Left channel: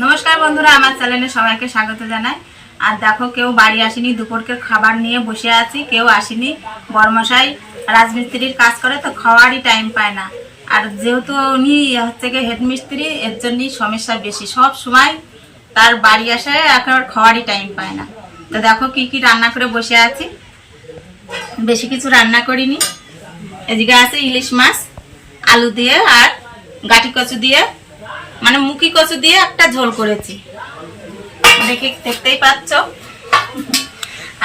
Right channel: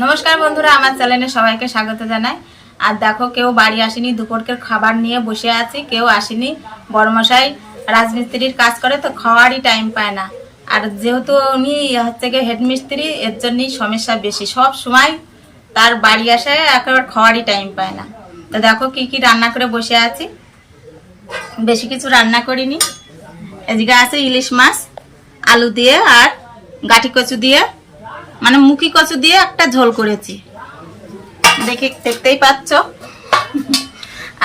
নমস্কার বন্ধুরা, আমার চ্যানেলে সবাইকে স্বাগত জানাই। আর দেখো, কেউ বাড়ি আসেনি, দুপুরকের খাবার নিয়ে বসে আছি। কেউ আসেনি, বড়মশাই রাজমিস্ত্রির কাজ করে তো খাওয়ারই টাইম পায় না। আর যেহেতু উনি হচ্ছে গিয়ে হেডমিস্ত্রি, এর জন্যই সমস্যা বেশি। সব সময় তার বাড়ি আসে, একেবারে খাওয়ারই টাইম পায় না। তো দেখো কি কি রান্না করে বসে আছি। বেশি কিছু রান্না করিনি। এদিকে আছে ইলিশ মাছ আলু দিয়ে আর গাঠি কচু দিয়ে, মানে মুখি কচু দিয়ে একটা ঝোল করেছি, দেখতেই পাচ্ছ।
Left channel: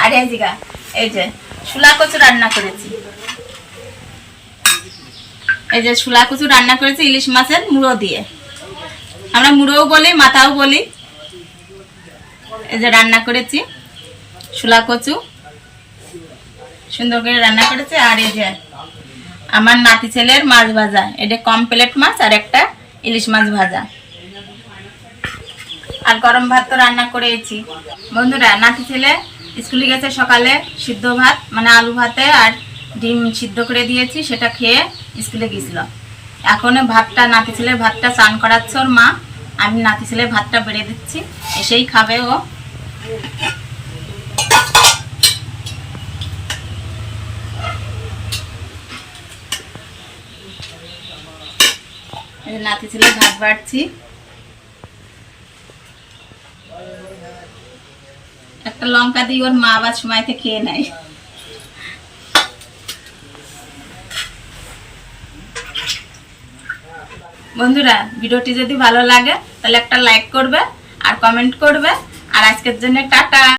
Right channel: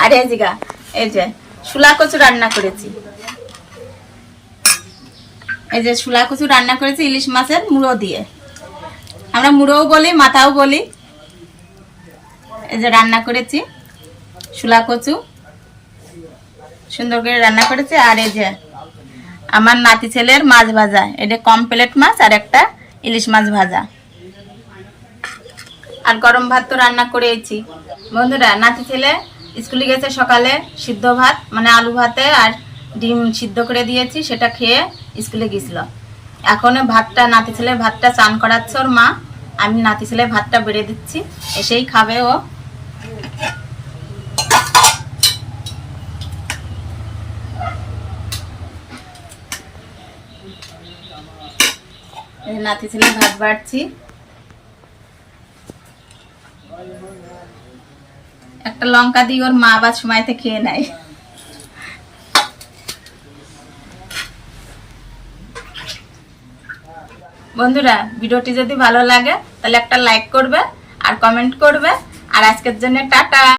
আর এদিকে এই যে শুলা কচু রান্না করেছি। এই যে শুলা কচু রান্না করেছি ইলিশ মাছের মুড়ো দিয়ে। আমরা মুড়োও বলি, মাথাও বলি। এই যে রান্না করেছি শুলা কচু, সুন্দর করে রান্না করেছি। আর এই যে আমার নাতি ছেলের মাছ ভাজা, এটা কমপ্লেট মাছ আর একটা ইলিশ মাছ ভাজা। আর গরম ভাত তো রান্না করেছি। বন্ধুরা, নাতি ছেলে স্কুলে গেছে, সকালে সিদ্ধ ভাত মানে আলু ভাতে আর ডিম সিদ্ধ করে দিয়েছি, সেটা খেয়ে স্কুলে গেছিল। এখন ভাতটা, নাতি ছেলের ভাতটা চান করাচ্ছে ওর মা। আমি নাতি ছেলের ভাতটা বেড়ে দিচ্ছি, এসেই খাবে ও। নাতি ছেলে ভাত বাড়ছি। একটা লঙ্কা দিয়ে ওর মা আবার সময়তে খেয়ে নেয়। বন্ধুরা, ভিডিওটি যদি ভালো লাগে তাহলে একটা লাইক করবে আর কমেন্ট করবে। আর আজকের জন্য টাটা।